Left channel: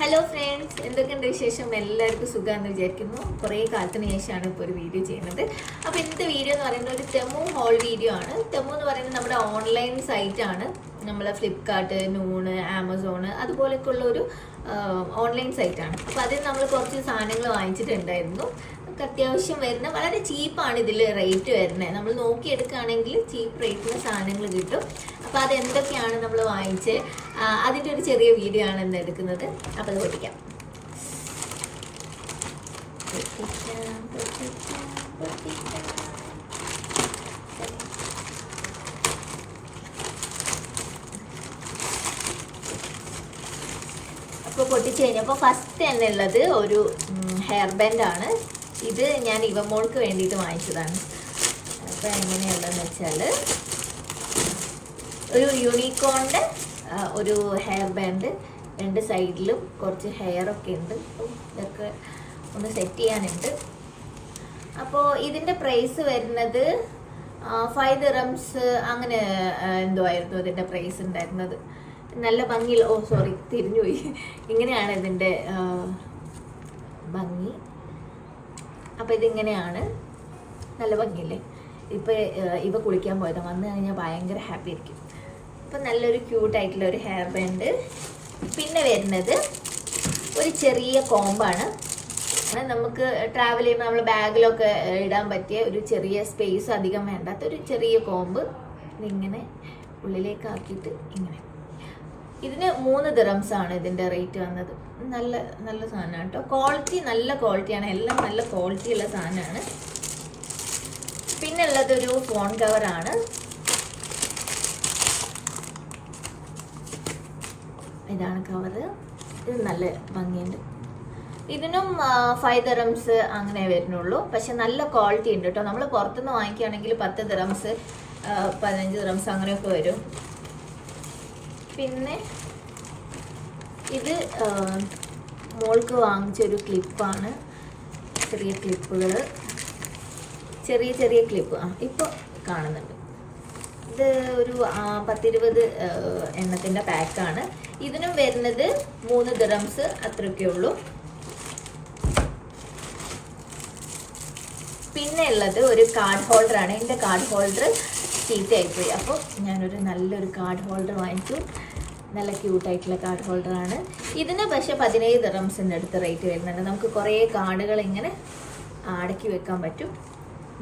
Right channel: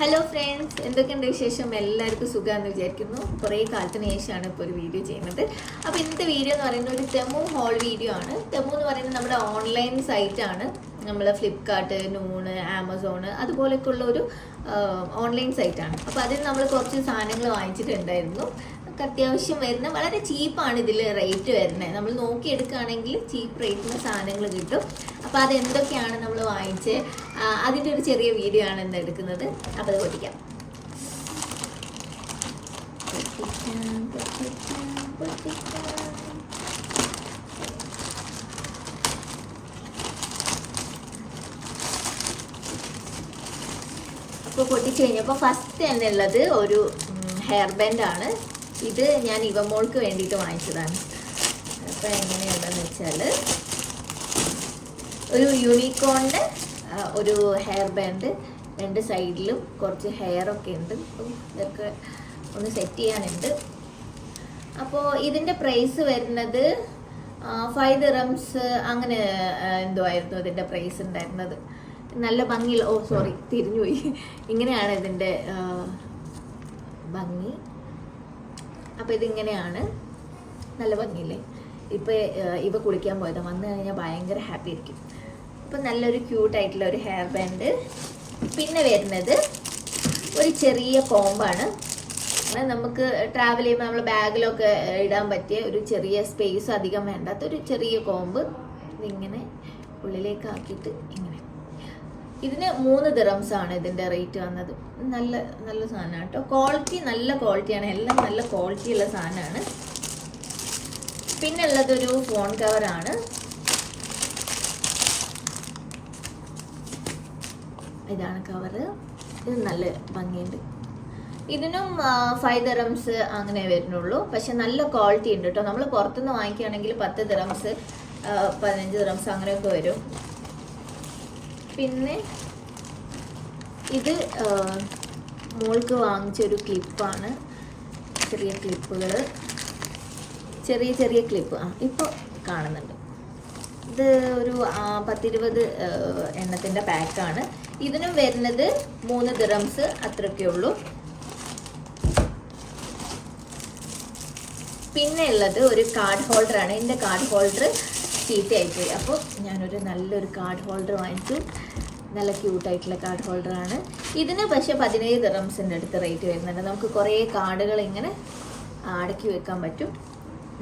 Hello friends എന്തൊക്കെയുണ്ട് വിശേഷം? എല്ലാവർക്കും സുഖമാണെന്ന് വിചാരിക്കുന്നു. കുറേ കാലത്തിന് ശേഷമാണ് ഇപ്പോൾ ഒരു വീഡിയോ ചെയ്യുന്നത്. അപ്പോൾ ഇന്നത്തെ വീഡിയോ എന്ന് പറയുന്നത് ഒരു തെമു ഹോൾ വീഡിയോ ആണ്. തെമു എന്ന് പറയുന്നത് നമ്മുടെ ഓൺലൈൻ സൈറ്റ് ആണ്. നമ്മൾ ഫ്ലിപ്കാർട്ട് നൂണ് ആമസോണ് അതുപോലെയൊക്കെ ഉള്ള ഒരു ഓൺലൈൻ സൈറ്റാണ് അപ്പോൾ അതിൽ നമ്മൾ കുറച്ച് സാധനങ്ങൾ വാങ്ങിച്ചിട്ടുണ്ടായിരുന്നു. നമുക്ക് അത്യാവശ്യം വരുന്ന വളരെ ചീപ്പാണ് ഇതിൽ റേറ്റ് വരുന്നത്. നമ്മൾ നോക്കിയെടുക്കുകയാണെങ്കിൽ ചീപ്പ് റേറ്റിന് സാധനങ്ങൾ കിട്ടും. അപ്പോൾ അതെന്തൊക്കെയാണ് നമ്മൾ വാങ്ങിച്ച്? അതിന്റെ ഒരു ചെറിയ വീഡിയോ ആണ് ഇന്ന് എടുക്കുന്നത്. അപ്പോൾ അത് പൊട്ടിക്കാം. പൊട്ടിക്കാം, പൊട്ടിക്കാം, പൊട്ടിക്കാം. പൊട്ടിച്ച് കഴിഞ്ഞപ്പോൾ ഫസ്റ്റ് തന്നെ ഉള്ളത് ഒരു ഹെയർ ബാൻഡ് ആണ്. ഇത് ഞാൻ ഇവമോൾക്ക് വേണ്ടിയിട്ട് വാങ്ങിച്ചതാണ്. അപ്പോൾ എങ്ങനെയുണ്ടെന്ന് വെച്ചാൽ ഒരു യൂണിക്കോണിന്റെ ഒരു ഹെയർ ബാൻഡ് രണ്ട് സൈഡിലും കുറച്ച് ഹെയറൊക്കെ ഉണ്ട്. അപ്പം ഇതൊക്കെ ഒന്ന് സെറ്റ് ചെയ്യാനുണ്ട്. അപ്പോൾ ഇതിന്റെ പ്രൈസ് വരുന്നത് ഫൈവ് ദിറംസ് അങ്ങനെ എന്തോ ആയിരുന്നു ഇതിന്റെ പ്രൈസ് ഉണ്ടായിരുന്നത്. നല്ല ഭംഗിയിൽ ഓ സോറി തിരിഞ്ഞുപോയി. ഇങ്ങനെയാണ് ഇതിന്റെ ഭംഗി. അപ്പോൾ ഇതിങ്ങനെയാണ്. നല്ല ഭംഗിയില്ലേ? ഇപ്പോൾ ഇവ കുളിക്കാൻ പോയതാണ് വന്നു കഴിഞ്ഞാൽ ഭയങ്കര ഹാപ്പി ആയിരിക്കും. അപ്പം നല്ലൊരു ക്യൂട്ടായിട്ടുള്ള ഒരു ഹെയർ ബാൻഡ് പിന്നെ വരുന്നത് ഒരു ചെറിയ കോമ്പാണ്. നമുക്ക് ട്രാവൽ ചെയ്യുമ്പോൾ നമ്മൾ ബാഗിലൊക്കെ ഇടാൻ പറ്റിയ ഒരു ചെറിയ സ്പേസ് അധികം വേണ്ടാത്ത ഒരു ചെറിയ കോമ്പ് ഇതിങ്ങനെ ഉള്ളിലേക്ക് ആക്കിയിട്ട് ഇങ്ങനെ ഇതിന് മൂന്ന് ദിറംസ് ആണ് ഇതിന്റെ റേറ്റ് വന്നത്. നല്ല നല്ല സാധനമാണ് കേട്ടോ. ക്വാളിറ്റി നല്ല ക്വാളിറ്റിയാണ് എല്ലാം നല്ല ക്വാളിറ്റി ഉള്ള സാധനമാണ്. പിന്നെ ഉള്ളതൊരു ഫോൺ കവറാണ് ഇതാണ് കവറ് ഇത് നല്ല ഭംഗിയുണ്ട്. ഇതിനും ഫൈവ് ദിറംസ് അങ്ങനെ വരുന്നുള്ളൂ. പക്ഷെ നല്ല ക്വാളിറ്റി ഉണ്ട് കേട്ടോ. നമ്മൾ പുറത്തുനിന്ന് വാങ്ങിക്കുകയാണെങ്കിൽ പത്ത് ദിറംസ് പതിനഞ്ച് ദിറംസ് അങ്ങനെയൊക്കെ വരും. പിന്നെ ഇത് മോൾക്ക് വാങ്ങിച്ചൊരു ക്ലിപ്പാണ്. ചെറിയ ക്ലിപ്പുകൾ ചെറിയ ചെറിയ ക്ലിപ്പ്. ആ ഇപ്പോൾ കാണുന്നുണ്ട്. ഇത് ഒരു പത്തിരുപത് എണ്ണത്തിന്റെ പാക്കാണ്. ഇതിനും വരുന്നത് മൂന്ന് ഗ്രംസ് അത്രയൊക്കെ ഉള്ളൂ. പിന്നെ ഉള്ളത് ഒരു കാർഡ് ഹോൾഡർ ആണ് എന്റെ കാർഡ് ഹോൾഡർ ചീത്തയായിപ്പോയി. അപ്പോൾ ഞാനൊരു നല്ലൊരു കാർഡ് ഹോൾഡർ വാങ്ങിച്ചു. നല്ല ക്യൂട്ടായിട്ടുള്ള കാർഡ് ഹോൾഡർ ആണ്. ഇതിന് പക്ഷേ പതിനേഴ് ദിറംസിന്റെ അടുത്ത് റേറ്റ് വരുന്നുണ്ട്. നമുക്ക് കുറേ കാർഡുകൾ ഇങ്ങനെ അടക്കി വെക്കാൻ പറ്റും.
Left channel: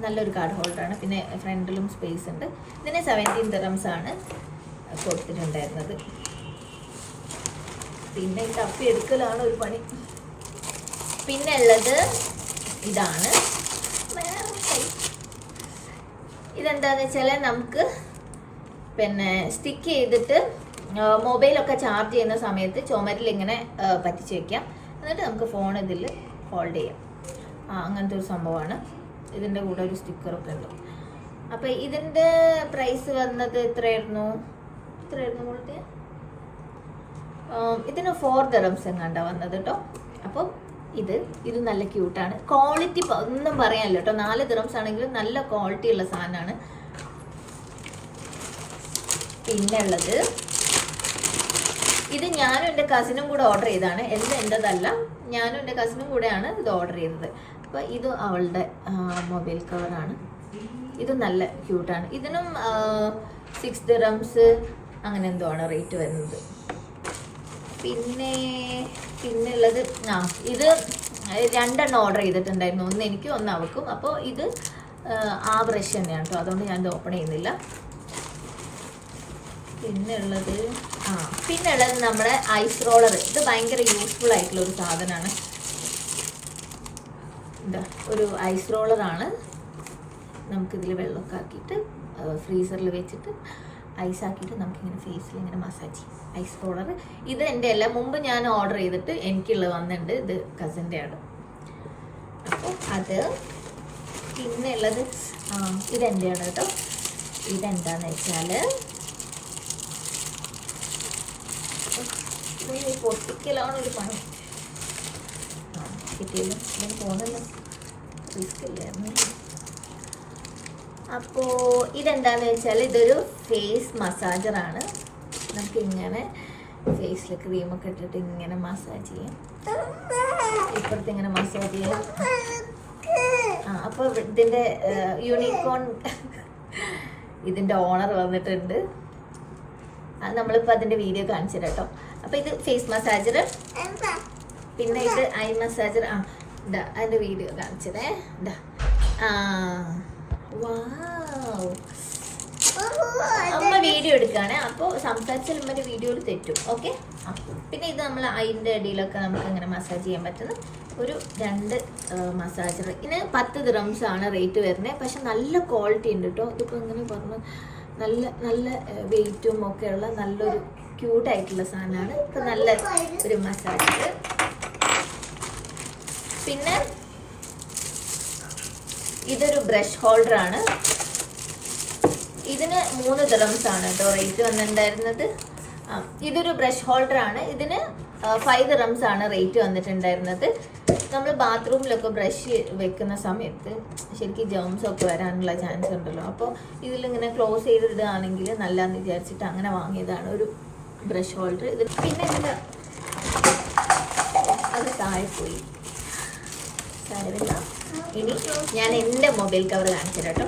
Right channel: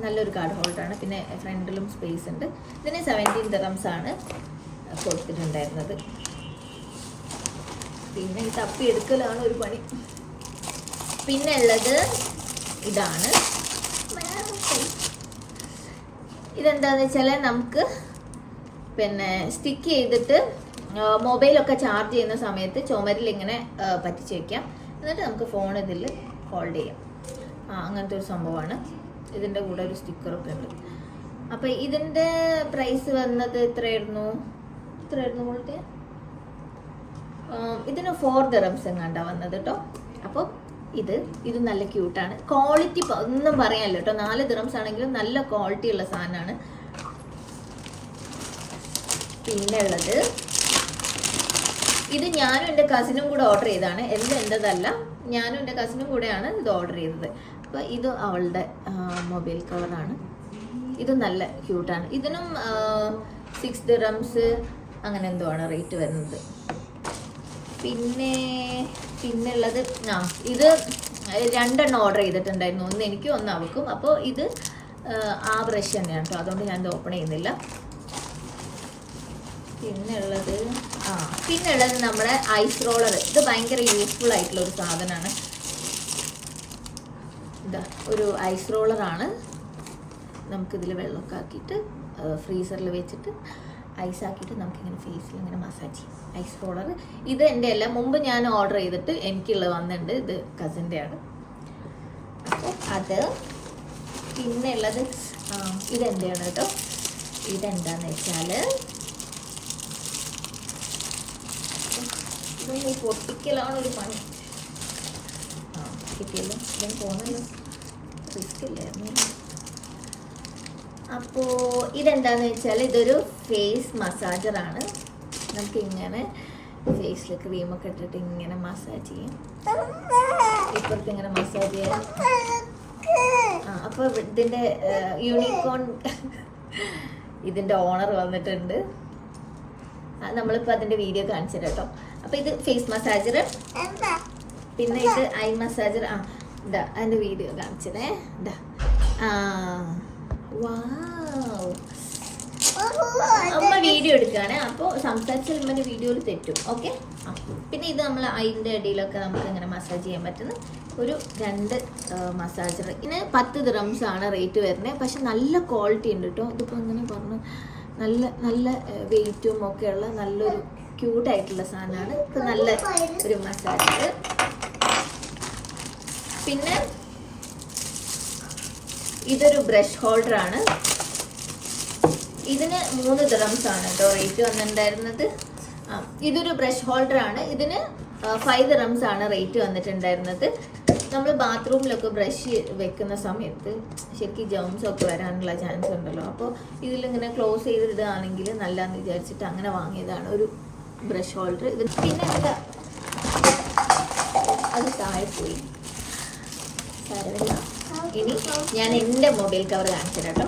നല്ലൊരു കാർഡ് ഹോൾഡറാണ് പിന്നെ ഫ്രണ്ടിലും സ്പേസ് ഉണ്ട്. ഇതിന് സെവന്റീൻ ദിറംസ് ആണ് കൊടുത്തിട്ടുണ്ടായിരുന്നത്. പിന്നെ ഈ തപ്പി എടുക്കലാണ് ഒരു പണി. പിന്നെ ഉള്ളത് ഇതാണ്. ഇതെന്താന്ന് വെച്ചാൽ നമുക്ക് പിന്നെ സ്റ്റിക്ക് ചെയ്തിട്ട് മൊബൈലൊക്കെ ചാർജ് ചെയ്യുന്ന സമയത്ത് ചുമരിൽ ഇങ്ങനെ പറ്റിച്ച് വെക്കാം. എന്നിട്ട് നമുക്ക് ഫോൺ ഇതിൽ ഹോൾഡ് ചെയ്യാം. ആ അങ്ങനത്തെ ഒരു സംഭവമാണ്. ഇതിന്റെ കൂടെ ഒരു സ്റ്റിക്കറൊക്കെ ഉണ്ട്. അപ്പം ഇതിന്റെ പ്രൈസ് വന്നത് എത്രയായിരുന്നു? എത്രയായിരുന്നു മുകളിൽ ഇതിന് ഫോർ ദറംസ് എങ്ങാണ്ടാണ് വന്നത് കേട്ടോ അപ്പോൾ ഇത് ഇത് നല്ല ക്യൂട്ടാണ് ക്വാളിറ്റി ഒന്നും പറയാനില്ല കേട്ടോ നാല് ദിറംസ് ആണെങ്കിലും നല്ല ക്വാളിറ്റി ഉള്ള സാധനമാണ്. പിന്നെ ഉള്ളത് ഇത് ഞാനും എന്റെ കസിനും കൂടെ ഓർഡർ ചെയ്തതാണ്. എന്ത് എന്റെതല്ല ഞാനും എന്റെ കസിനും കൂടെയാണ് ഇത് ഓർഡർ ചെയ്തത്. അപ്പോൾ ഇത് അവളുടെ മൊബൈൽ കവറാണ് ഇത് നല്ല ക്യൂട്ടാണ് ഇതിനും സിക്സ് ദിറംസ് അങ്ങനെ എന്തോ ആണ് റേറ്റ് വരുന്നത്. പിന്നെ പിന്നെ ഉള്ളത് ആ ഇത് രണ്ടെണ്ണം ഓർഡർ ചെയ്തിട്ടുണ്ടായിരുന്നു. ഒന്ന് എനിക്കും ഒന്ന് അവക്കും അപ്പോൾ ഇത് ആ, ബ്രഷ് തന്നെയാണ് കേട്ടോ അതുകൊണ്ട് ഞാൻ ഇത് ഓപ്പൺ ചെയ്യുന്നില്ല. പിന്നുള്ളത് ആ പിന്നുള്ളത് നമ്മുടെ ഐസ് റോളർ ഇത് ഭയങ്കര യൂസ്ഫുൾ ആയിട്ടുള്ള ഒരു സാധനമാണ്. ഇതാ ഒരു ഐസ് റോളറാണ് നമുക്കിതിൽ വെള്ളമൊക്കെ ആക്കിയിട്ട് ഫ്രീസറിൽ വെച്ചിട്ട് ഐസ് ആക്കിയിട്ട് നമുക്കിങ്ങനെ ഫേസിൽ ഇങ്ങനെ മസാജ് ചെയ്യും. ഐസ് റോളർ ഇത് എന്റെ അല്ല. മുമ്പ് ഞാൻ ഓർഡർ ചെയ്തിട്ട് എനിക്കുള്ളത് വന്നിട്ടുണ്ട്. ഇത് കസിന്റെ ആണ്. അപ്പോൾ അത് പിന്നെ ഉള്ളത് ഇതെന്റെയാണ് കേട്ടോ. ഇതെന്താന്ന് വെച്ചാൽ പൊട്ടിക്കലാണ് ഒരു പണി. ആ കിട്ടിയല്ലോ. ഇതിന് പോകുന്നല്ലോ റിസ്ക് ഇല്ലായിരുന്നു. അപ്പോൾ ഇതെന്താന്ന് വെച്ചാൽ ഇതൊരു ഫേസ് മസാജറാണ് നമുക്ക് ഇങ്ങനെ ഫേസിൽ ക്രീമൊക്കെ ഇട്ടിട്ട് ഇങ്ങനെ മസാജ് ചെയ്യാം. ഇപ്പുറത്ത് ഇങ്ങനെ മസാജ് ചെയ്യാം. ആ അപ്പോൾ ഇതിന്റെ യൂണിക്കോൺ ഇതിന്റെ ഓണർ വന്നിട്ടുണ്ട്. നമ്മളിപ്പോൾ അതിന്റെ വീഡിയോ കാണിച്ചു കേട്ടോ. അപ്പോൾ ഇത് ഫേസ് മസാജർ പിന്നെ ഇത് ഐ മസാജർ ആ ഇതാ അതിന്റെ വീഡിയോ കാണിച്ചതേ. ഇതാ ആ. അമ്മ വീഡിയോ എടുക്കുകയാണെ. അപ്പോൾ സംസാരിച്ചാൽ അമ്മന്റെ വീഡിയോയിൽ തെറ്റും. ഓക്കെ പിന്നെ ഇത് നമ്മൾ അതിന്റെ ഇടയിലൊക്കെ നമുക്ക് അങ്ങനെ മസാജ് ചെയ്യാൻ പറ്റുന്ന ഒരു രണ്ട് മസാജർ ഇതിന് പത്ത് ദ്രംസ് ആണ് റേറ്റ് വരുന്നത് പക്ഷെ നല്ല ക്വാളിറ്റി ഉണ്ട് കേട്ടോ ഇതിപ്പോൾ ഇങ്ങനെ പറഞ്ഞു നല്ല നല്ല വെയിറ്റും ഒക്കെ ഉള്ള നല്ലൊരു ക്യൂട്ടായിട്ടുള്ള സാധനമാണ്. ഇപ്പം നല്ല ഒരു മസാജർ പിന്നെ ഇതൊരു ബ്രഷ് ഹോൾഡർ ആണ് ഇതിന് മൂന്ന് ദിറംസ് ആണ് കേട്ടോ റേറ്റ് വന്നിട്ടുണ്ടായിരുന്നത്. ഇതൊരു ബ്രഷ് ഹോൾഡർ ആണ് ഇതിന് ഫൈവ് ദിറംസ് ആണ് റേറ്റ് വന്നിട്ടുണ്ടായിരുന്നത്. നമ്മൾ ബാത്റൂമിലൊക്കെ ബ്രഷ് വെക്കുന്ന സമയത്ത് ശരിക്കും ജേംസ് ഒക്കെ വരാനുള്ള ചാൻസ് ഉണ്ടല്ലോ. അപ്പോൾ ഇതിലിങ്ങനെ ക്ലോസ് ചെയ്തിടുകയാണെങ്കിൽ നല്ലതെന്ന് വിചാരിച്ചിട്ട് അങ്ങനെ വാങ്ങിയതാണ് ഒരു ബ്രഷ് ഹോൾഡർ ഇത് പിന്നെ എന്താ? അത് താഴെ പോയി. സാരമില്ല ഇനി ഞാൻ എന്റെ മൊബൈൽ കവർ കാണിച്ചു കേട്ടോ.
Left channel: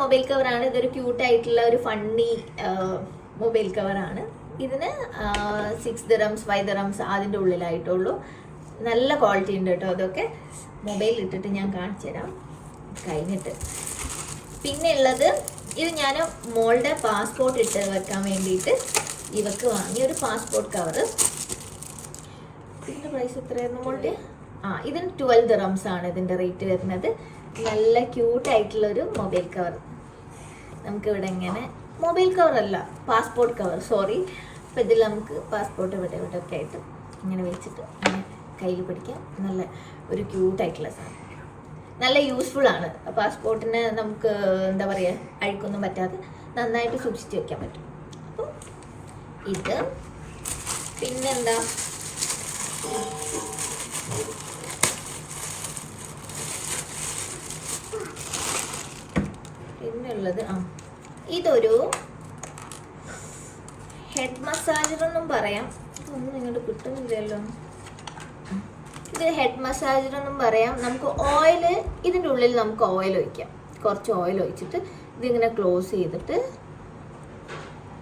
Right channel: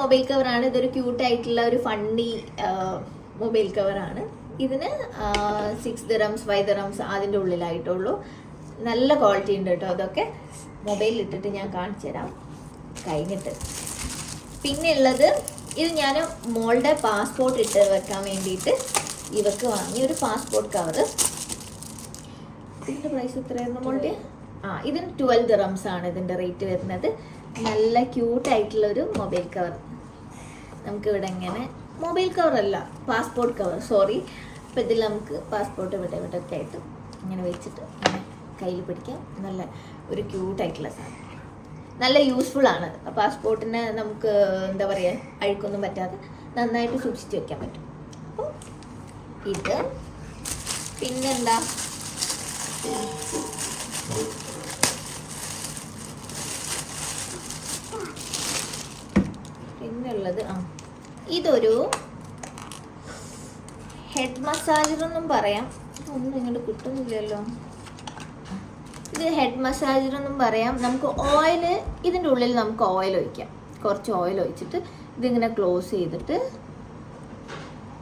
മൊബൈൽ കവറാണ് ഇതൊരു ക്യൂട്ട് ആയിട്ടുള്ള ഒരു ഫണ്ണി മൊബൈൽ കവറാണ് ഇതിന് സിക്സ് ദിറംസ് ഫൈവ് ദിറംസ് അതിന്റെ ഉള്ളിലായിട്ടുള്ളൂ. നല്ല ക്വാളിറ്റി ഉണ്ട് കേട്ടോ ഇതൊക്കെ. മൊബൈൽ ഇട്ടിട്ട് ഞാൻ കാണിച്ചു തരാം. കഴിഞ്ഞിട്ട്. പിന്നെ ഉള്ളത് ഇത് ഞാൻ മോളുടെ പാസ്പോർട്ട് ഇട്ട് വെക്കാൻ വേണ്ടിയിട്ട് ഇവക്ക് വാങ്ങിയ ഒരു പാസ്പോർട്ട് കവറ് ഇതിന്റെ പ്രൈസ് എത്രയായിരുന്നു മോളുടെ ആ ഇതിന് ട്വൽവ് ദിറംസ് ആണ് ഇതിന്റെ റേറ്റ് വരുന്നത്. നല്ല ക്യൂട്ട് ആയിട്ടുള്ള ഒരു മൊബൈൽ കവർ നമുക്ക് ഇവിടെ ഇങ്ങനെ മൊബൈൽ കവർ അല്ല പാസ്പോർട്ട് കവർ സോറി അപ്പോൾ ഇതിൽ നമുക്ക് പാസ്പോർട്ട് ഇവിടെ ഇവിടെ ഒക്കെ ആയിട്ട് ഇങ്ങനെ വെച്ചിട്ട് ഇങ്ങനെ കയ്യിൽ പിടിക്കാം. നല്ല ഒരു ക്യൂട്ട് ആയിട്ടുള്ള സാധനം. നല്ല യൂസ്ഫുൾ ആണ്. പാസ്പോർട്ടിന് നമുക്ക് എന്താ പറയുക അഴുക്കൊന്നും പറ്റാതെ നന്നായിട്ട് സൂക്ഷിച്ച് വെക്കാൻ പറ്റും. അപ്പോൾ ഇത് പിന്നെന്താ? പിന്നുള്ളത് ആ ഇതൊരു ഹെഡ് മസാജർ എന്നും പറയാം. ഒന്നും ഇങ്ങോട്ട് കിട്ടുന്നില്ലല്ലോ. ഇത് ഹെഡ് മസാജർ എന്നും പറയാം. നമുക്ക് ഓയിൽ ഇതിന്റെ ഉള്ളിൽ നമുക്ക് ഓയിൽ ഒഴിക്കാം. കുറച്ച് ഓയിൽ ഒഴിച്ചിട്ട് ഇതിങ്ങനെ ക്ലോസ് ചെയ്തിട്ട്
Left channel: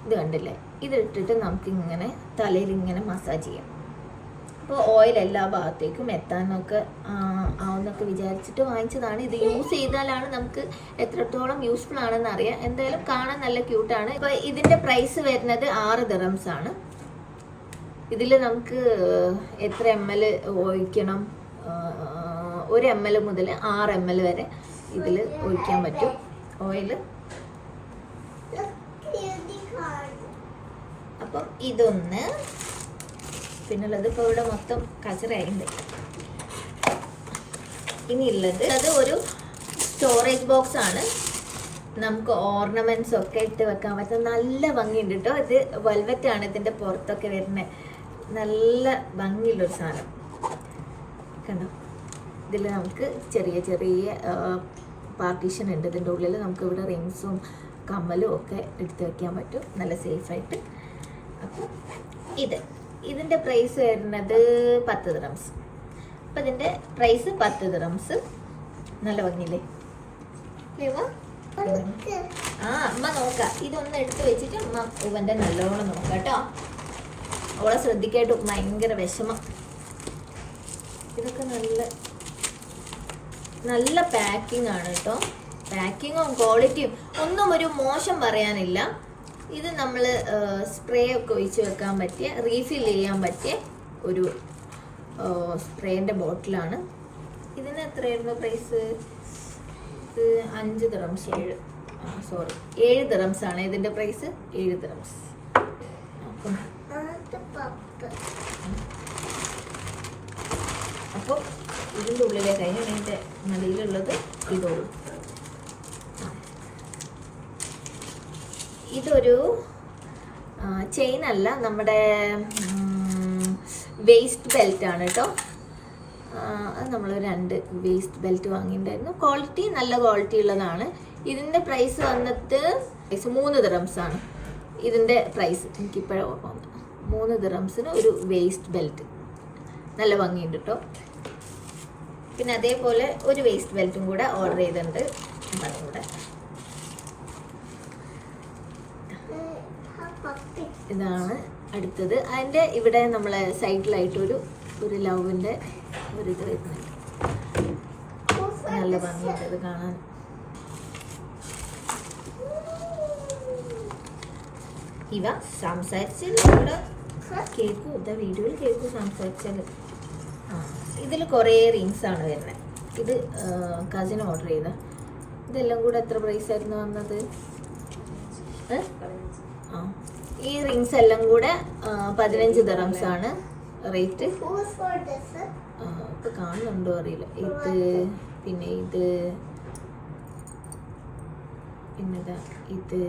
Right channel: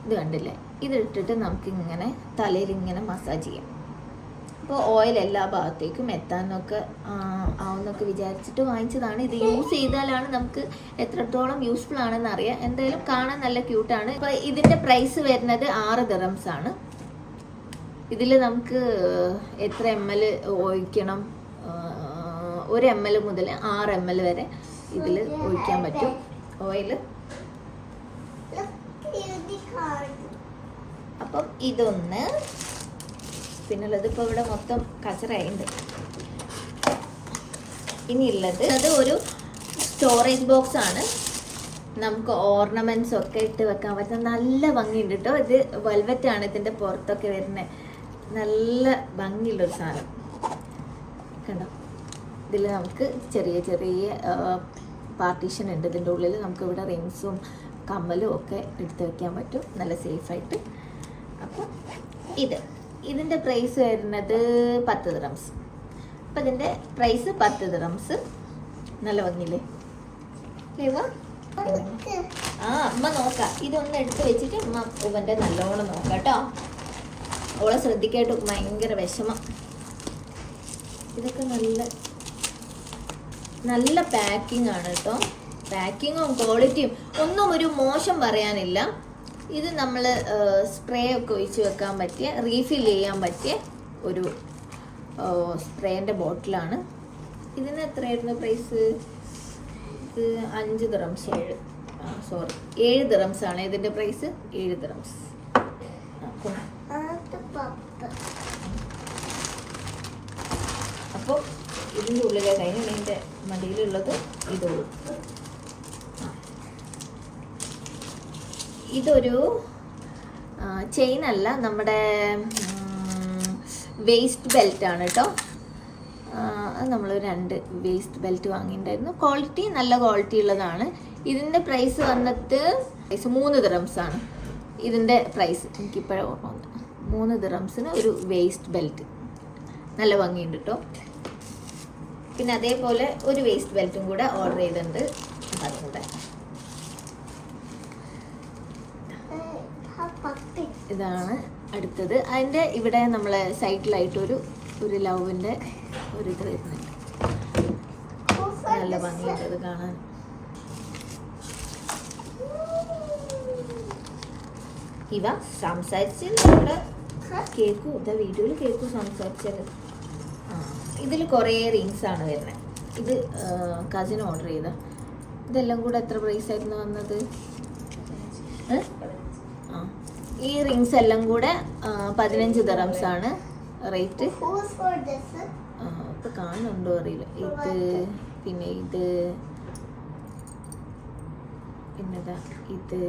ഇത് കണ്ടില്ലേ? ഇതിട്ടിട്ട് നമുക്കിങ്ങനെ തലയിൽ ഇങ്ങനെ മസാജ് ചെയ്യാം. അപ്പോൾ ഓയിൽ എല്ലാ ഭാഗത്തേക്കും എത്താനൊക്കെ ആവുന്നൊക്കെ വിചാരിച്ചിട്ട് വാങ്ങിച്ചതാണ്. ഇത് യൂസ് ചെയ്താലാണ് നമുക്ക് എത്രത്തോളം യൂസ്ഫുൾ ആണെന്ന് അറിയാം. എന്തായാലും കാണാൻ നല്ല ക്യൂട്ടാണ് ഇപ്പോൾ ഇതിന്റെ പ്രൈസ് വരുന്നത് ആറ് ദിറംസ് ആണ്. ഇതിൽ നമുക്ക് എത്ര എം എൽ ഒഴിക്കണം ഒരു എം എൽ മുതൽ ആറ് എം എൽ വരെ ഇതിൽ ഒഴിക്കാൻ പറ്റും. ഓയിൽ അപ്പം ഇതൊന്ന് പിന്നുള്ളത് ഇപ്പോൾ ഇവിടെ മൊത്തം കച്ചറയുണ്ട് ഇനിയുള്ളത് അത് ഒരു സ്റ്റോറേജ് ബോക്സ് ആണ്. നമുക്ക് ഓർണമെന്റ്സ് ഒക്കെ ഇട്ട് വെക്കാൻ പറ്റുന്ന നല്ല ഭംഗിയുണ്ട് കേട്ടോ ഇത് വെൽവെറ്റ് ആണ് ഇതിന്റെ പുറത്തൊക്കെ വരുന്നത് നല്ല ഭംഗിയുള്ളൊരു സാധനം. കണ്ടോ? ഇതിൽ നമുക്ക് ചെറിയ ചെറിയ പാർട്ടീഷൻ ഉണ്ട്. ഇതിന്റെ ഉള്ളിൽ നമുക്ക് ഇവിടെ റിങ്സും കമ്മലും ഒക്കെ എടുത്ത് വെക്കാൻ പറ്റും. നല്ല സേഫായിട്ട് അപ്പം ഇത്. ഇതിന്റെ പ്രൈസ് വരുന്നത് പത്ത് ദിറംസ് അപ്പം ഇതിന്റെ പ്രൈസ് പത്ത് ദിറംസ് നല്ല ഭംഗിയില്ലേ? ആ അമ്മ നോക്കാം. ഇതൊന്ന് എടുത്ത് വെച്ചിട്ട് അമ്മ ഇവന്റെ നല്ലോണം നോക്കാം കേട്ടോ. ഓളെ ശ്രദ്ധിക്കായിട്ട് ഭയങ്കര വിഷമം. ഇതൊക്കെ നല്ല നല്ല പാക്കിംഗ് ആണ് കേട്ടോ. പാക്കിങ്ങും ക്വാളിറ്റിയും ഒന്നും ഒരു മോശം പറയാനില്ല. ഇത് നമ്മൾ സ്പ്രേ ഒക്കെ ഒഴിച്ച് വെക്കാൻ പറ്റിയ റീഫിൽ ചെയ്യാൻ പറ്റിയ ഒരു സ്പ്രേന്റെ ബോട്ടിലാണ് ഇതിന് എത്രയായിരുന്നു പ്രൈസ് ഇത് അഞ്ച് ദിറംസ് സോറി ഏഴ് ദിറംസ് ആണ് ഇതിന്റെ പ്രൈസ് ഏഴ് ദിറംസ് അപ്പോൾ ഇതിന്റെ ഉള്ളിലെ കഴിഞ്ഞ് ഇതിന്റെ നടിയിലുള്ളത് ഇതുള്ളൂ ഇതൊരു ചെയിൻ അല്ല നമ്മുടെ വേസ്റ്റ് ബെൽറ്റ് ആണ് കേട്ടോ. അത് നമ്മൾ രണ്ട് വേസ്റ്റ് ബെൽറ്റ് വാങ്ങിയിട്ടുണ്ടായിരുന്നു. ക്വാളിറ്റി നല്ല ക്വാളിറ്റി ഉള്ളതാണ്. ഇതിന്റെ പ്രൈസ് വന്നിട്ട് പ്രൈസ് മൂന്ന് ദിറംസ് ആണ്. ഇതിന്റെ പ്രൈസ് എനിക്കിപ്പോഴേ ഓർമ്മ വന്നു മൂന്ന് ദിറംസിന് ഒരു വേസ്റ്റ് ബെൽറ്റ് നല്ല ഭംഗിയുണ്ട് കേട്ടോ. പിന്നെ അതേപോലെ ഒരു വേസ്റ്റ് ബെൽറ്റും കൂടെ ഓർഡർ ചെയ്തിട്ടുണ്ട്. അതും കൂടെ. ഇതാണ് അടുത്തത്. അതിന്റെ ഇവിടെ നമ്മളെ സൈഡിലായിട്ട് ഒരു ലവിന്റെ ഒരു ഇത് വരുന്നുണ്ട്. നല്ല ഭംഗിയുണ്ട് അത് കാണാൻ. ഇവ സംസാരിച്ചാൽ ഇവിടെ കേൾക്കും ഇതാ വീഡിയോയിൽ കേൾക്കും സംസാരിച്ചത്. ഇതിൽ കുറേ റിങ്സ് ആണ് വരുന്നത്. ഇത് കസിൻ ഓർഡർ ചെയ്ത. ഇതെല്ലാം കൂടെ എത്ര പ്രൈസ് ആയിരുന്നു വന്നത്? ഏ? ഈ റിങ്സ് എല്ലാം കൂടെ പതിനഞ്ച് ദറംസ് ആണ്. റേറ്റ് ഇപ്പൊ കാണുന്നുണ്ടോ അറിയില്ല. ഇത് പിന്നെ ഇത് പിന്നെതാ ഇത്.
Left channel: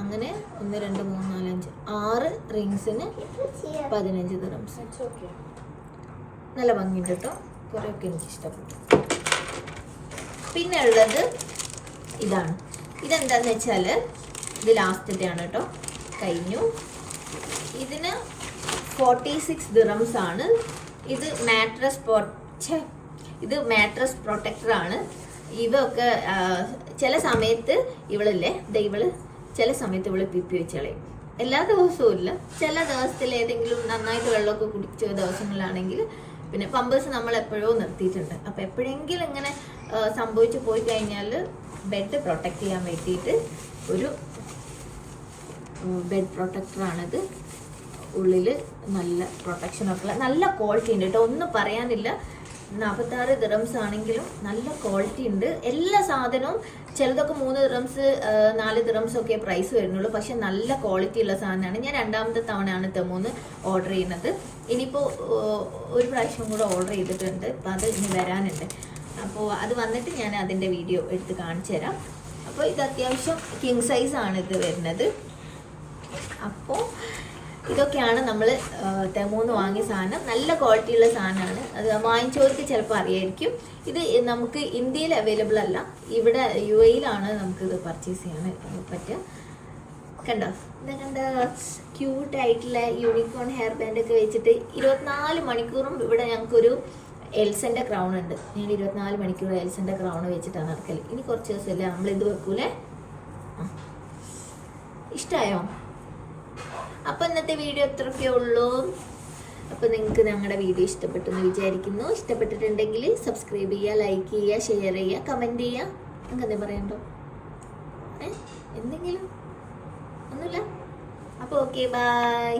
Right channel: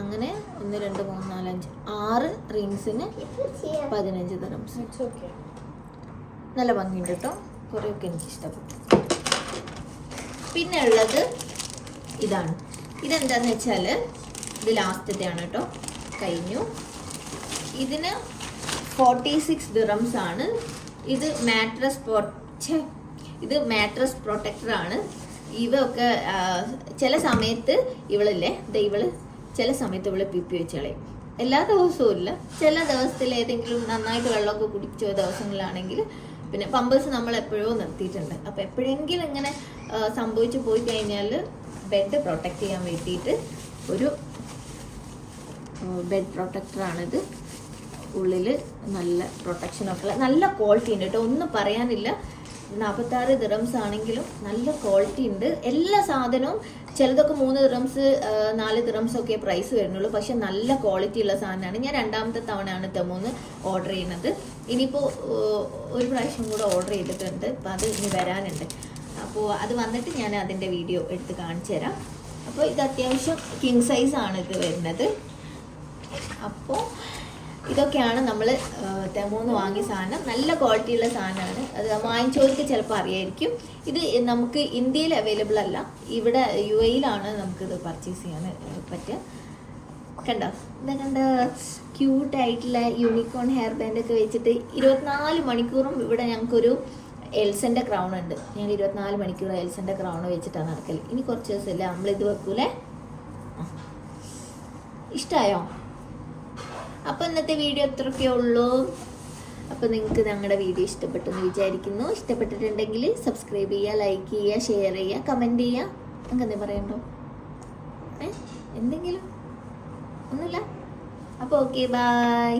അങ്ങനെ ഒന്ന് രണ്ട് മൂന്ന് നാല് അഞ്ച് ആറ് റിങ്സിന് പതിനഞ്ച് ദറംസ് നല്ല ഭംഗിയുണ്ട് കേട്ടോ കുറേയൊക്കെ എനിക്ക് ഇഷ്ടപ്പെട്ടു പിന്നെ ഉള്ളത് ഇതാണ്. ഇതെന്താന്ന് വെച്ചാൽ ഇത് ലാസ്റ്റത്തെ ആണ് കേട്ടോ കഴിഞ്ഞു. ഇതിന് ഫോർട്ടി സിക്സ് ദിറംസ് ആണ്. ഇത് മാട്രസ് ഇത് മാട്രസ് പ്രൊട്ടക്ടർ ആണ്. ഇതൊക്കെ ചില സമയത്ത് ഇവളല്ലേ ദൈവൾ ചില സമയത്ത് ഇവൾ പിപ്പി വെച്ചളയും എല്ലാ ദിവസവും ഇല്ല. ചില ദിവസത്തിൽ ഏതെങ്കിലും നന്നായിട്ട് വെള്ളമൊക്കെ കുടിച്ച ദിവസങ്ങളിലാണെങ്കിൽ പിന്നെ പമ്പേഴ്സ് നമ്മൾ എപ്പോഴോ നിർത്തിയിട്ടുണ്ട്. അപ്പോൾ എപ്പോഴെങ്കിലും ഇങ്ങനെ സംഭവിച്ചു പോയി കഴിഞ്ഞാൽ ബെഡ് പ്രൊട്ടക്ട് ചെയ്യാൻ വേണ്ടിയിട്ട് ഒരു ബെഡ് പ്രൊട്ടക്ടറാണിത് ഉള്ളിൽ നല്ല പ്രൊട്ടക്ഷനൊക്കെ ഉള്ള നല്ല ക്വാളിറ്റി ഉണ്ട് കേട്ടോ ഒന്നും പറയാനില്ല. നാൽപ്പത്താറ് ദിറംസ് ആണെങ്കിലും നല്ല ക്വാളിറ്റി ഉണ്ട്. എല്ലാ സാധനവും ചിലതൊക്കെ മൂന്ന് ദിറംസ് നാല് ദിറംസ് ഒക്കെ പ്രൈസ് വരുന്നുള്ളൂ. പക്ഷെ നല്ല ക്വാളിറ്റി ഉള്ള സാധനമാണ്. ഞാൻ രണ്ടാമത്തെ തവണയാണ് തെമൂന്ന് ഓർഡർ ചെയ്യുന്നത്. ഇനിയിപ്പോൾ ഒരു പ്രാവശ്യം കൂടെ ഓർഡർ ചെയ്തിട്ടുണ്ട്. അപ്പോൾ അത് ഇനി വരാനുണ്ട്. അപ്പോൾ അത് വന്നിട്ട് ഞാൻ അതിന്റെ വീഡിയോ എടുത്ത് കാണിച്ചു തരാം അപ്പോൾ ഇത് അത്യാവശ്യം കിങ് ആണ് ഇത് വരുന്നത്. അപ്പോൾ ഇതൊക്കെയാണ് നമ്മൾ തെമൂന്ന് വാങ്ങിയ സാധനം. നല്ല ക്വാളിറ്റിയുള്ള സാധനമാണ്. അത് വാങ്ങിച്ചവർക്ക് ചിലപ്പോൾ അറിയായിരിക്കും. ഇത് നമുക്ക് ഇന്ത്യയിൽ അവൈലബിൾ അല്ല. ഇവിടെ യു എയിലാണ് നമുക്കിത് പർച്ചേസ് ചെയ്യാൻ പറ്റുക കണ്ടോ? ഇതാ കണ്ട? ക്യൂട്ട് ആയിട്ടുള്ള യൂണിക്കോൺ ഹെയർ ബാൻഡ് ഒക്കെ വെച്ചിട്ട് ഇരുപത്തിനാല് മണിക്കൂറും ഇവിടെ ഞങ്ങൾക്കൊരു എൽസന്റെ ക്രൗൺ ഉണ്ട്. ഞാൻ ഇരുപത്തിനാല് മണിക്കൂർ എൽസന്റെ ക്രൗൺ വെച്ചിട്ടാണ് നടക്കൽ ഇനി കുറച്ച് ദിവസമല്ലേ? നമ്മൾ ഇത് വെക്കൂലേ? ആ. ഇഷ്ടായോ അപ്പൊ ഇന്നത്തെ വീഡിയോ ഇത്രയൊക്കെ ഉള്ളൂ. അപ്പൊ നിങ്ങൾക്ക് ഞങ്ങളുടെ വീഡിയോ ഇഷ്ടപ്പെട്ടെന്ന് വിചാരിക്കുന്നു. ഇഷ്ടപ്പെട്ടിട്ടുണ്ടെങ്കിൽ സബ്സ്ക്രൈബ് ചെയ്യുക ലൈക്ക് ചെയ്യുക ഷെയർ ചെയ്യുക കമന്റ് ചെയ്യുക. നിങ്ങൾക്ക് എന്താ പറയണ്ടോ എന്തെങ്കിലും? ഒന്നുമില്ല? അപ്പോൾ ഓക്കെ ബൈ